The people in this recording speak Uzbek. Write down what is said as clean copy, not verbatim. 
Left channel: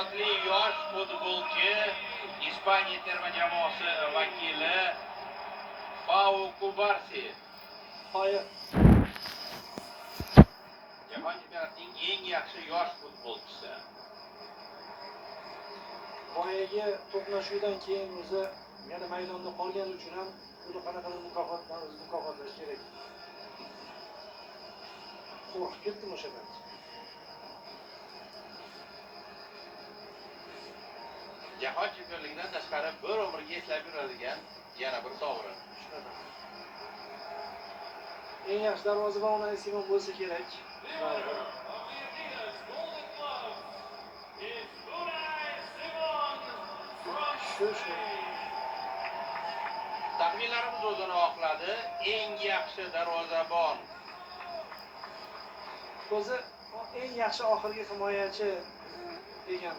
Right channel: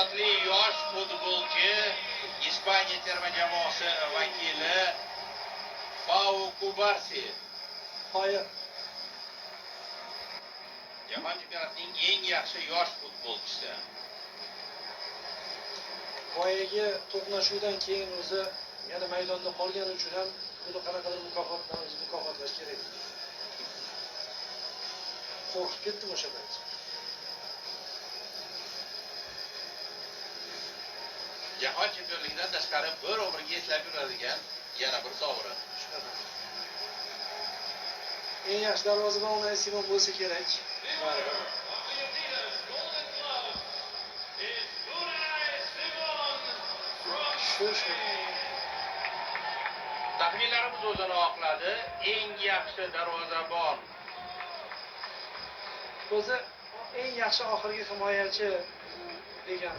istedodli yosh futbolchi Ispaniya terma jamoasi vakili Pau Cubarsí. Hayır. Jahon chempionatining eng yaxshi yosh futbolchisi. Boyagi to'qnashuvdan keyin o'zi yana maydonda qolgani uchun ham buni qanaqadir mukofotlash kerak. Qo'rqib ketdim o'sha payt. Jahon chempionligidan tashqari bir umrga eslab yuradigan yana bir sovrin. Shunaqa. Eng yaxshi darvozabon Unai Simon bo'lsa kerak. Shu. Taxminlarimiz o'zini oqladi. Eng yaxshi darvozabon O'zi eng yaxshi oxirgi himoyachi